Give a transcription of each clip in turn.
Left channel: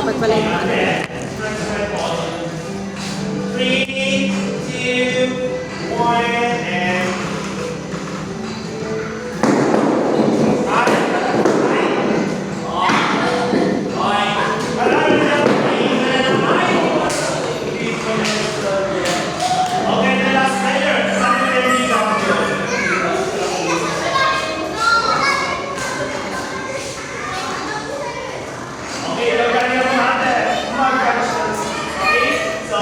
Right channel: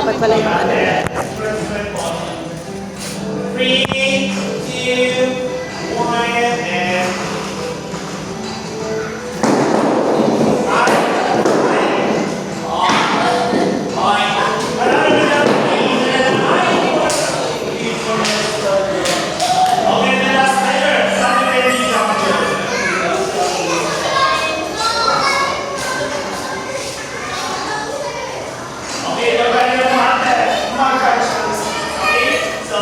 Dapat pala yung ano. 3, 2, 1, and... Okay, the last letter. Sabi na yung okay, yung kanina mo natin. Okay, so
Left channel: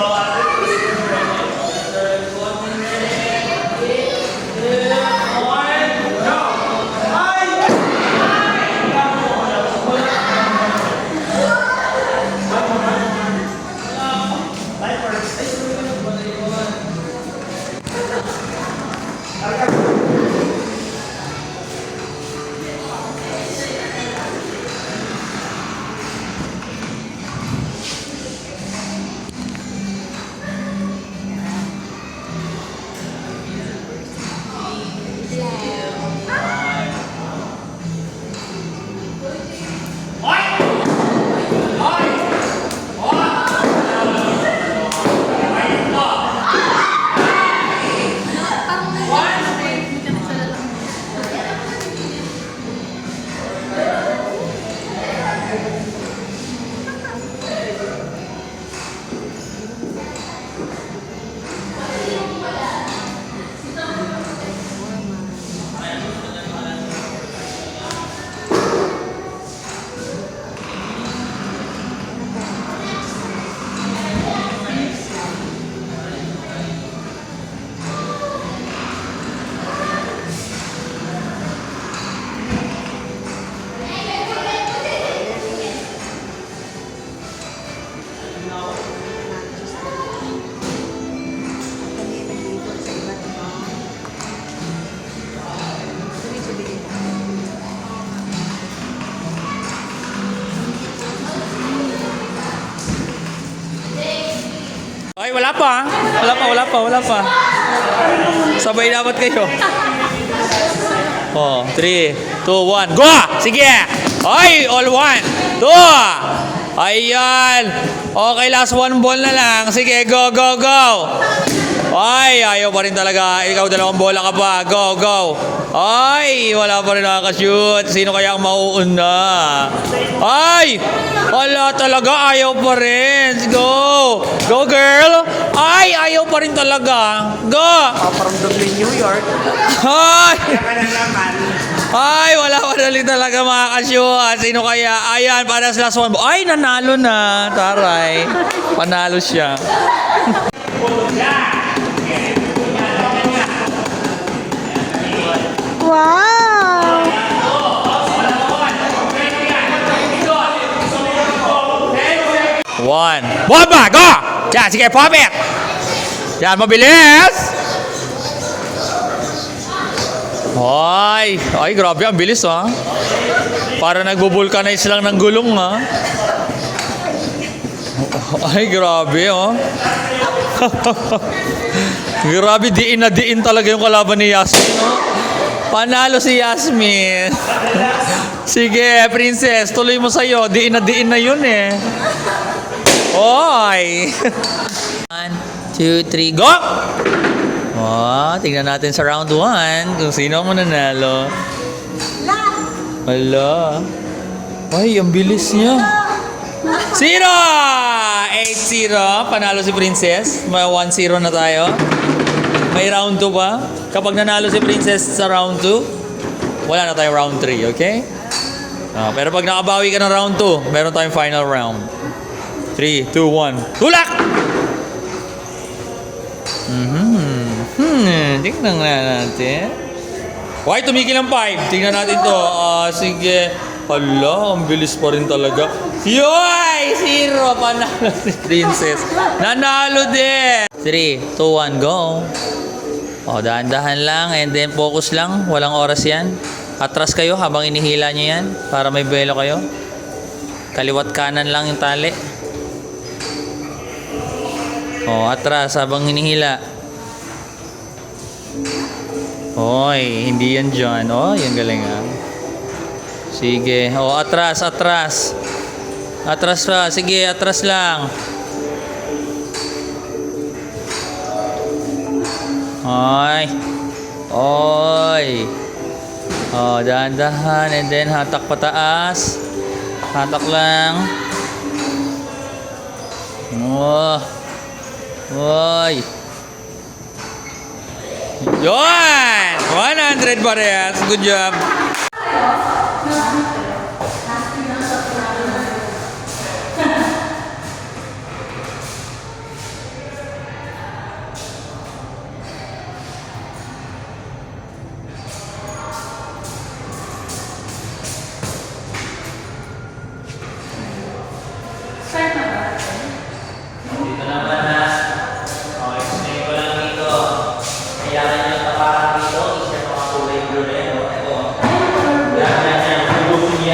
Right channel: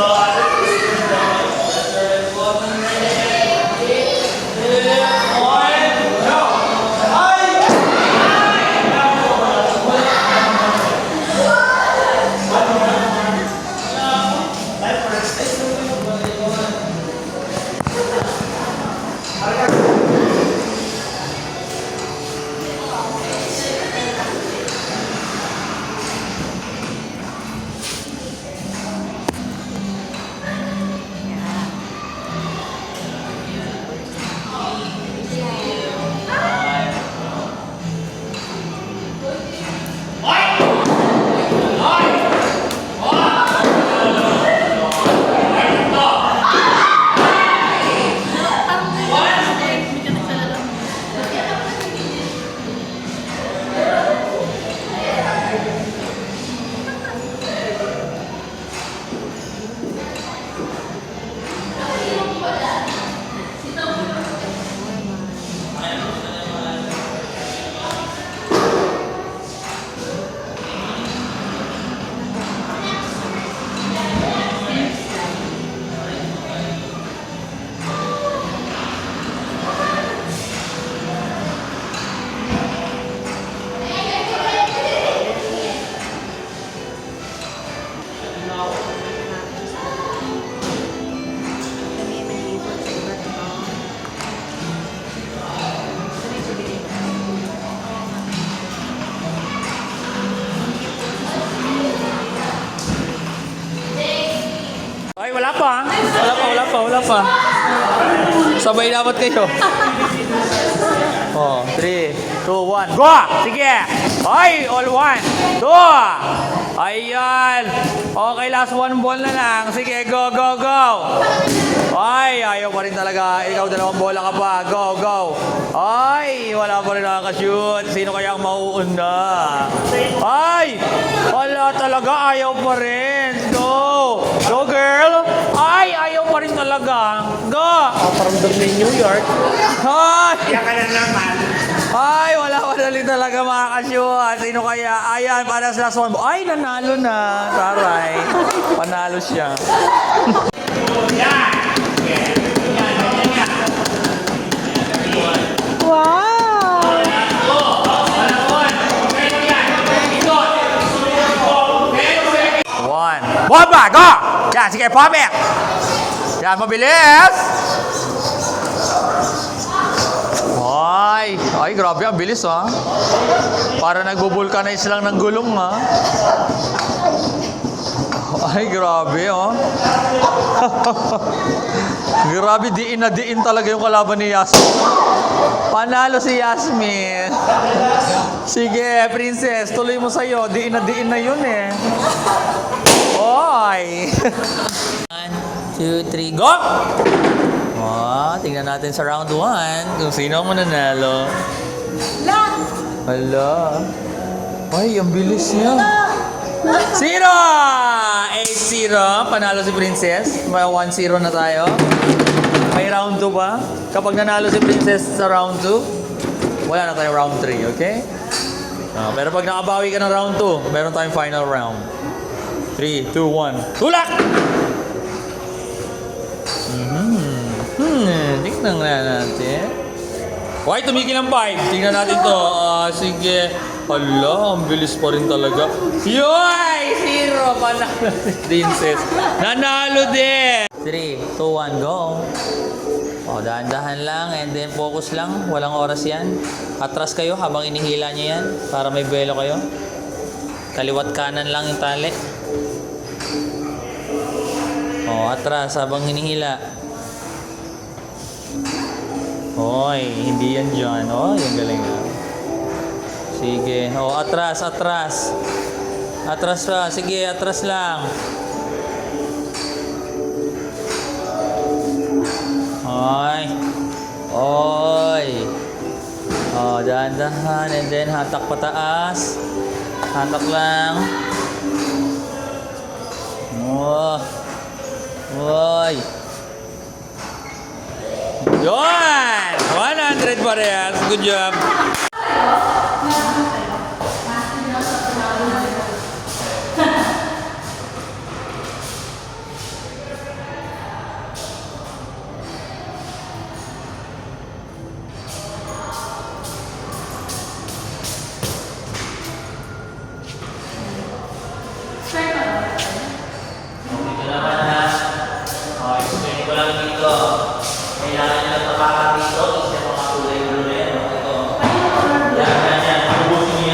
Ay, wala pa. Wala pa. Sabay dapat kayo. Oh, 3, 2, 1, go! Sige! Ay, all 1, 2! Ayan! Okay, last 1 ball na lang. Sige, go! Ay, ayaw pa rin talaga. Ikaw, 2 bola ka pa. Go! Ay, wala pa rin nakaka-shoot. Sino kaya ang mauuna? Ay! Wala talaga. Ayaw pa rin. Go! Go, girl! Ay, ayaw pa rin talaga. Go! Paparamdam na yung New York. Ay! kaya ka na naman. Ay, wala pa rin talaga makaka-shoot. Sino kaya? Ayan, para sa last 1. Ay, nanalo na. Taray. Panalo siya. Wow! One. Bomba! Go! Yan, sige, pop it! Yan, mabilis! Ay, grabe, ang bilis, ha? Para nagbo-vulcanize lang ng gulong, ha? Ay, grabe, oh. Grabe, diin na diin talaga yung kalaban ni Yasmin. Panalo si Yasmin. Sige, princess, tuloy mo sa'yo. Diin na yun, eh. Oy! 1, 2, 3, go! Oh, tingnan natin sa round 1 kung sino ang mananalo. Hala. Ay, ang bilis niya. 0! 8-0. Panalo si Princess. May 1-0 na tayo. May round 2 pa. Kapag nanalo si Princess sa round 2, wala na tayong round 3, okay? Pero pag nakabawi ka ng round 2, meron tayong final round. 3, 2, 1. Tulak! Tingnan nga natin. Okay, tumigil ang 5. Tingnan natin to. Sige. Hala, ang bilis pa rin talaga. Yoy! 0! Panalo si Princess. Nanalo din! 3, 2, 1, go! Dahan-dahan lang and then focus lang. Walang oras yan. Atras kayo habang inihila nyo yan para may buwelo kayo. Kaliwat kanan lang yung tali. Atras habang hinihila. Hoy, hindi yan dyan. Yung galing, ha. Sige. Atras. Atras pa. Sige, atras lang. Oy. Oy. Oh, dahan-dahan. And then, hatak pataas. Hatak lang. Oh. Oy. Yun! 100 parehas. Good job. Dito naman ha. Okay, explain ko lang dito. Kailangan nyo tapakan dito. Isa pa mga kulay blue na yan. Ito. Yan. Hubusin nyo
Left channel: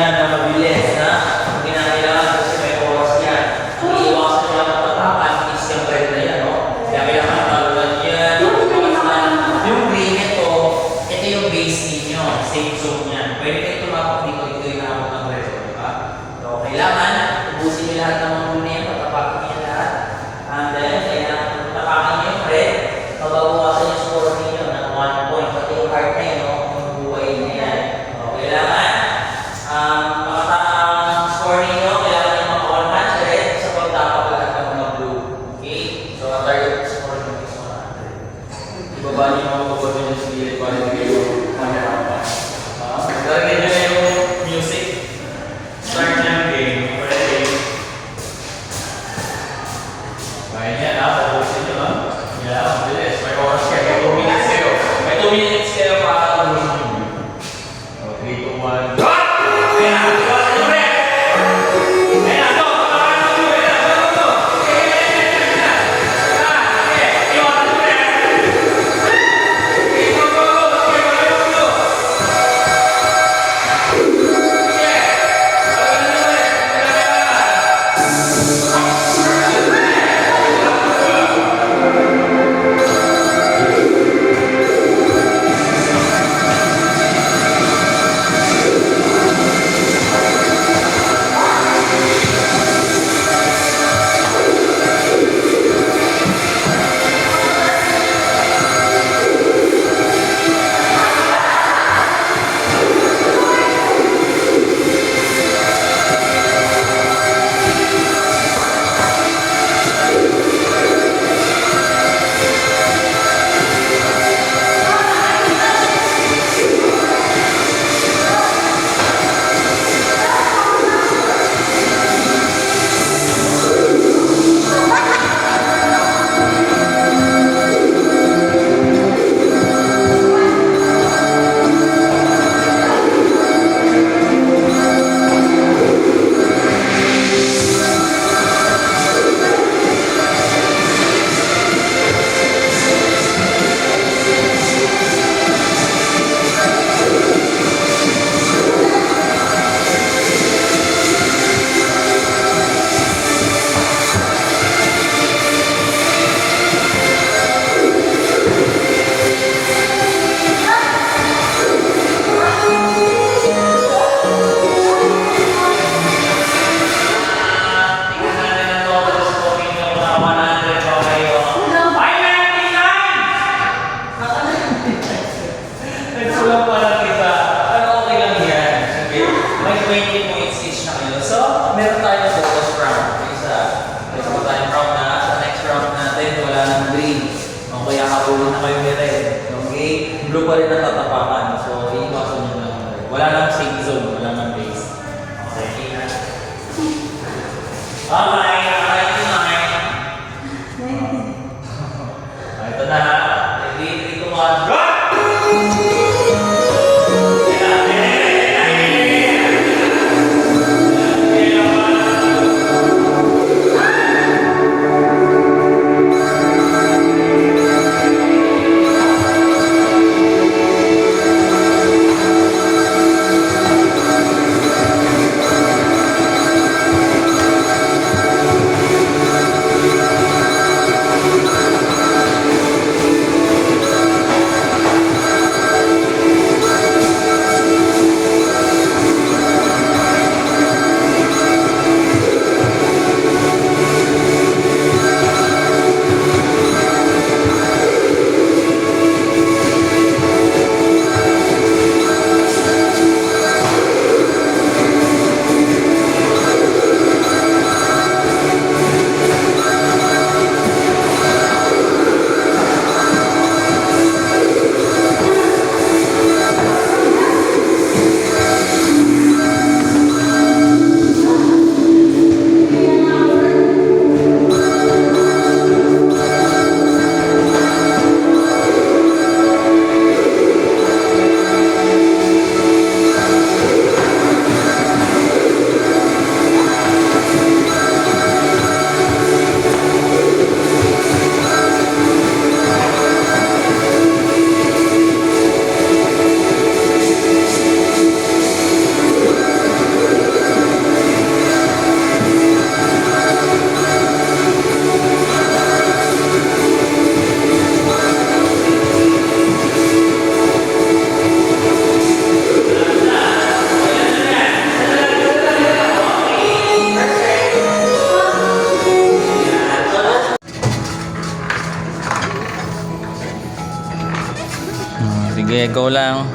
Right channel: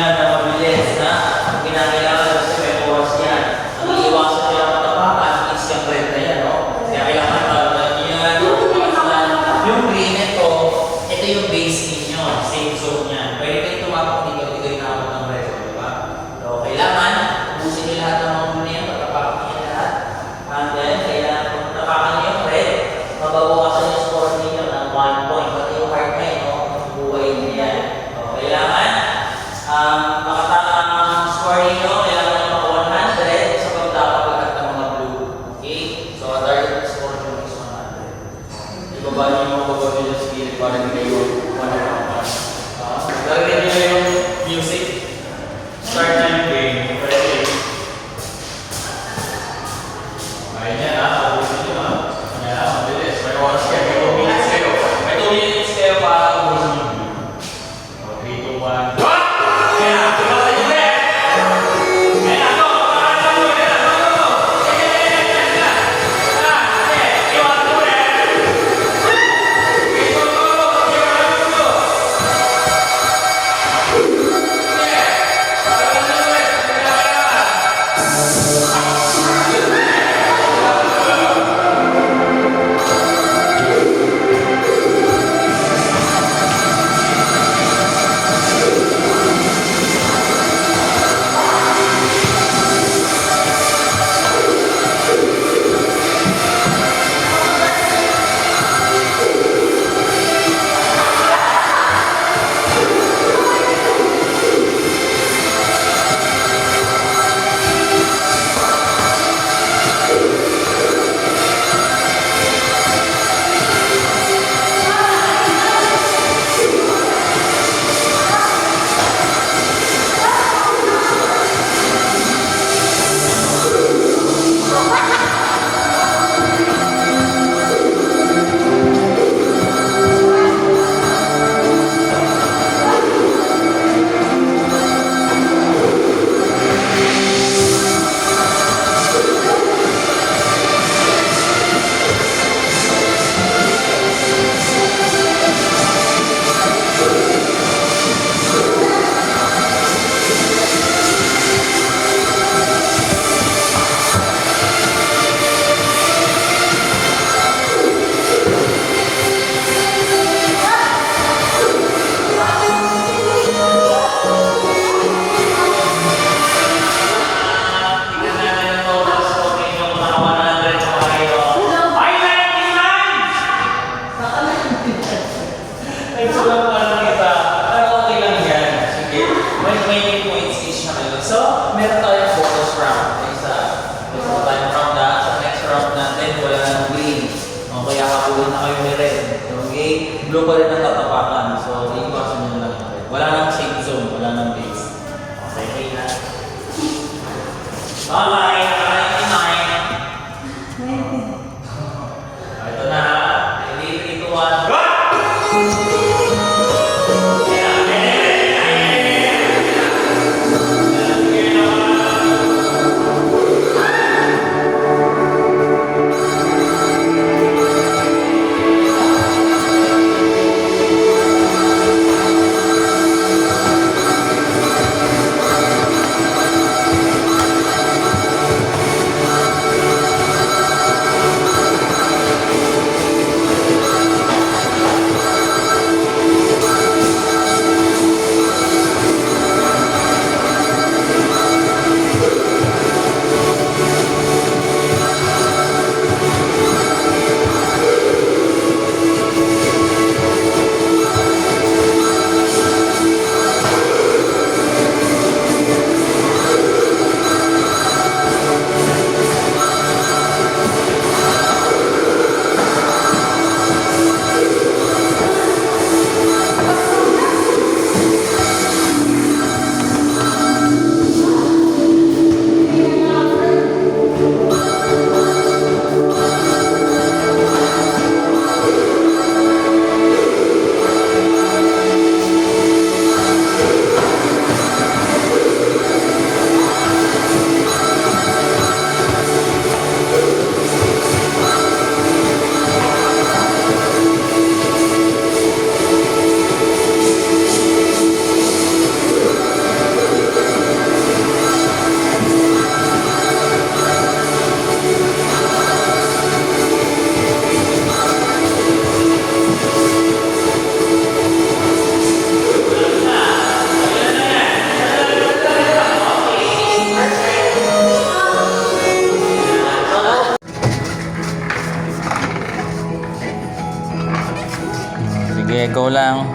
Sige, go lang.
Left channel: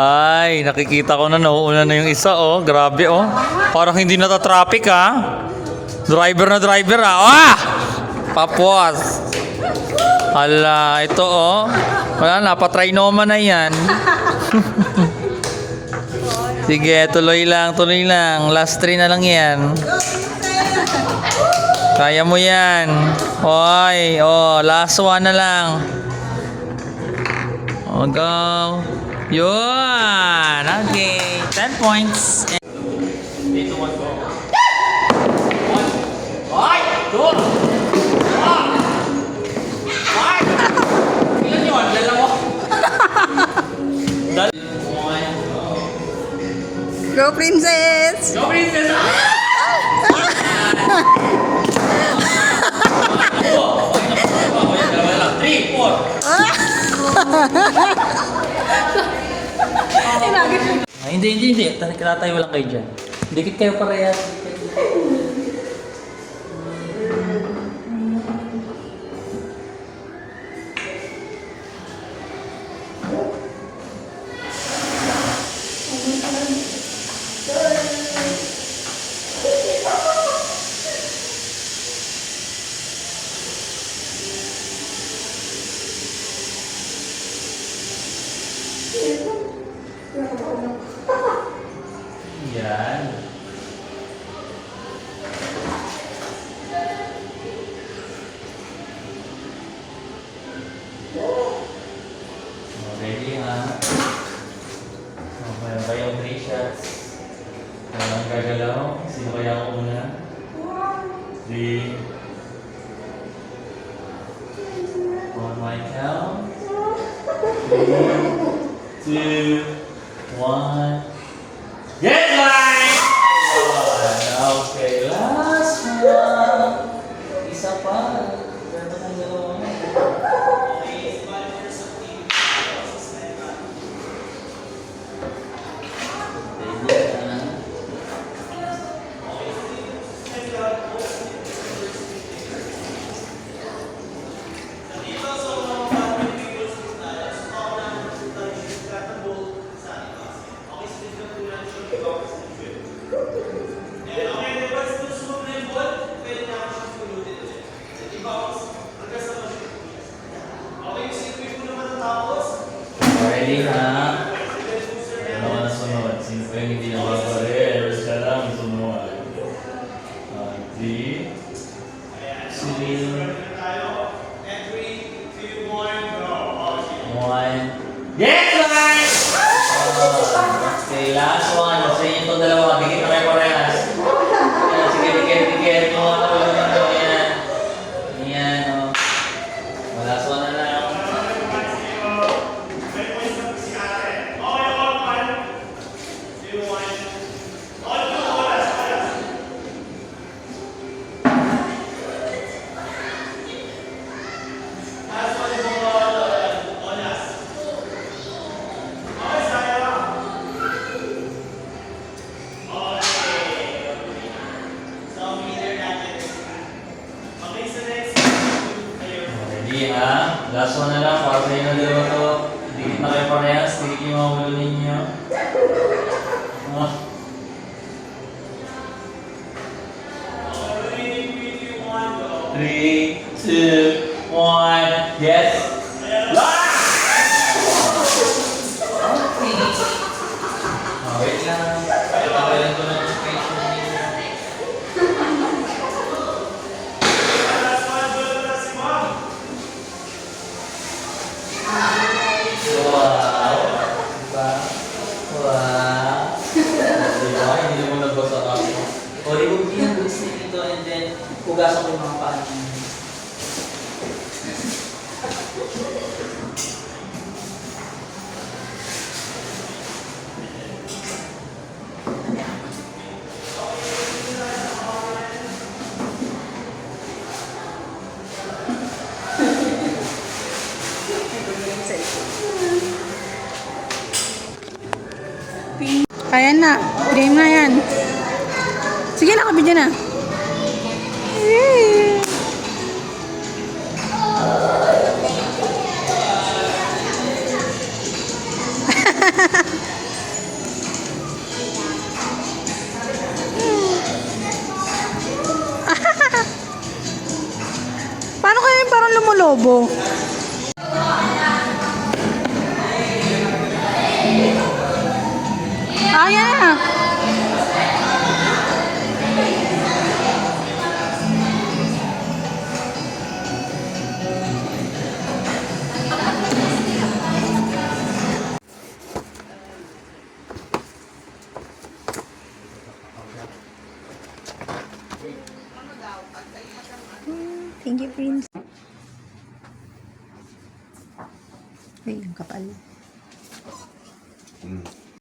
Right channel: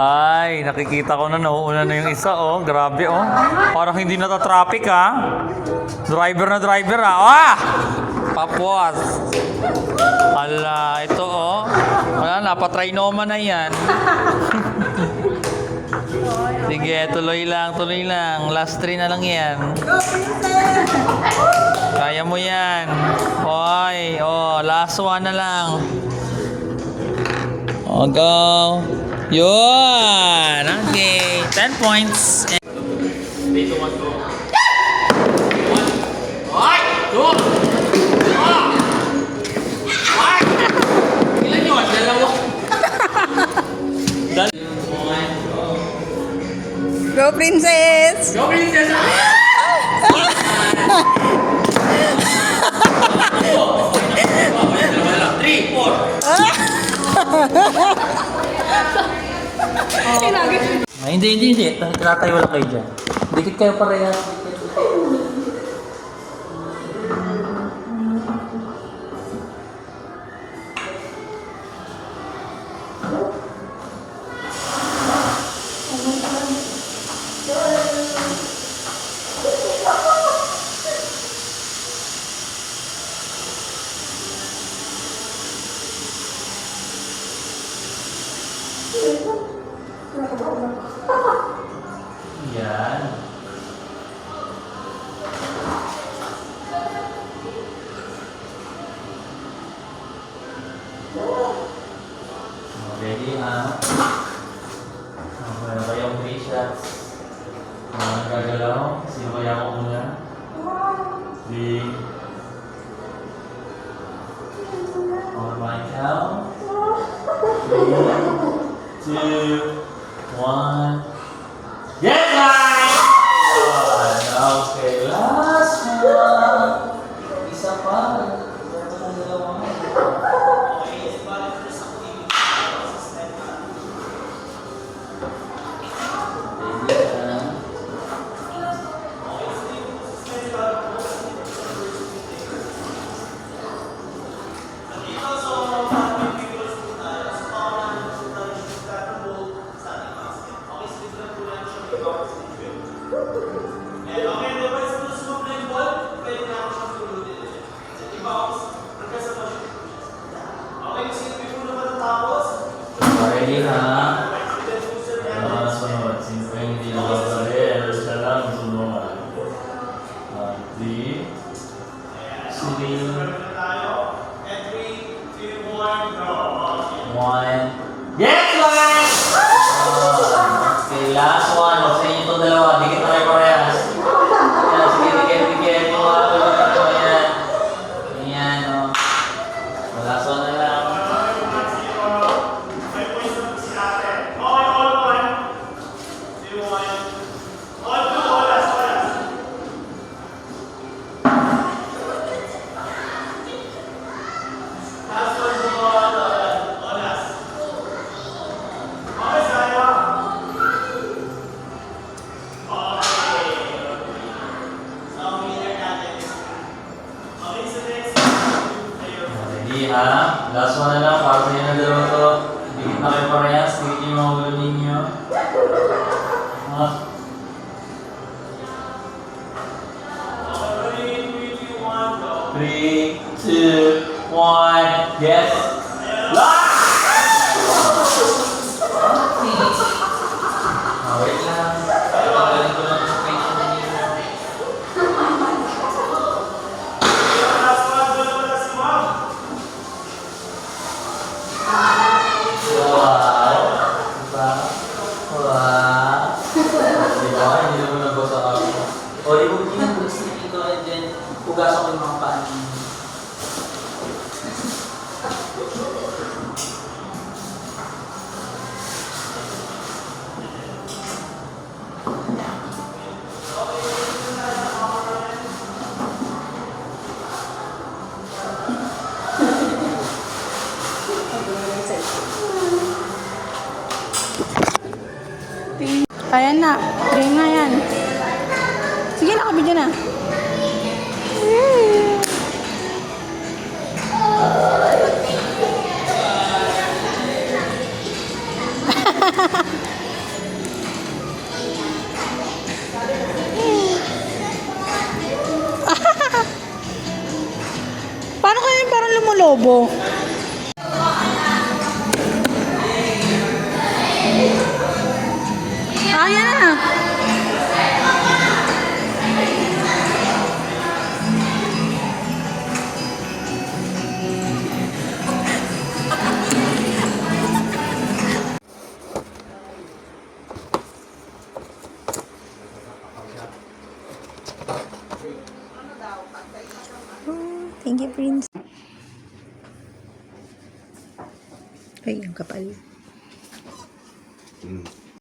Ay, nakikita ko na nauuna na yung isa, oh. Grabe, oh. Parang hindi nata-traffic, ha. Driver na driver, ha. Ah! Tapos. Hala, ito, oh. Wala na, patrinoma na yan. Sige, tuloy lang, tuloy lang. Last 3 na lang yan. Kaya mo yan. Oy, oh, last 1 na lang. Oh, go. Yun! Okay, 10 points. 3, 2, 1, go. 1. Ay! 2. Ay! Ilan yun? Dalawa. Go, princess! Go, princess! 3, 4. Ay, hindi. Tatayo lang kayo dyan. Dikit kayo parehas. Yan. Ready, ha? Okay, ba yung 3 shots? Naman gagalaw? Sino kaya ako muna? 3. On my count. 3, 2, 1. Yes, guys! Okay, last one. Isa pa. Ito na dalawa. Ready, ha? Ano ka na sunod? Sino pa yung hindi nakabaril? Siya lang sunod. 3, 1. Yes, guys! Okay, last one. Sa inyo itong dalawa. Dikit na kayo parehas. Yan, sige, dikit. Ayan, oh. Last one na lang. Ready, ha? Last one na lang. Para sa inyo na dalawa to. Dikit na kayo parehas. Dikit yung mga ulo ninyo. 3, 2, 1. Yes. Last! Okay. Wait lang. Wow. Diba? Wow. Diba? Hindi mo nabasa ako. O, i-huwag yun. Pag-sleep ito and then hugasan ko yung mga paan. Kaya na. Game na yan. Sige na, kabidyo na. Paano kaya yung parang lumulobo? Ah, yan na. Thank you, Prince. Ay, ang kapal.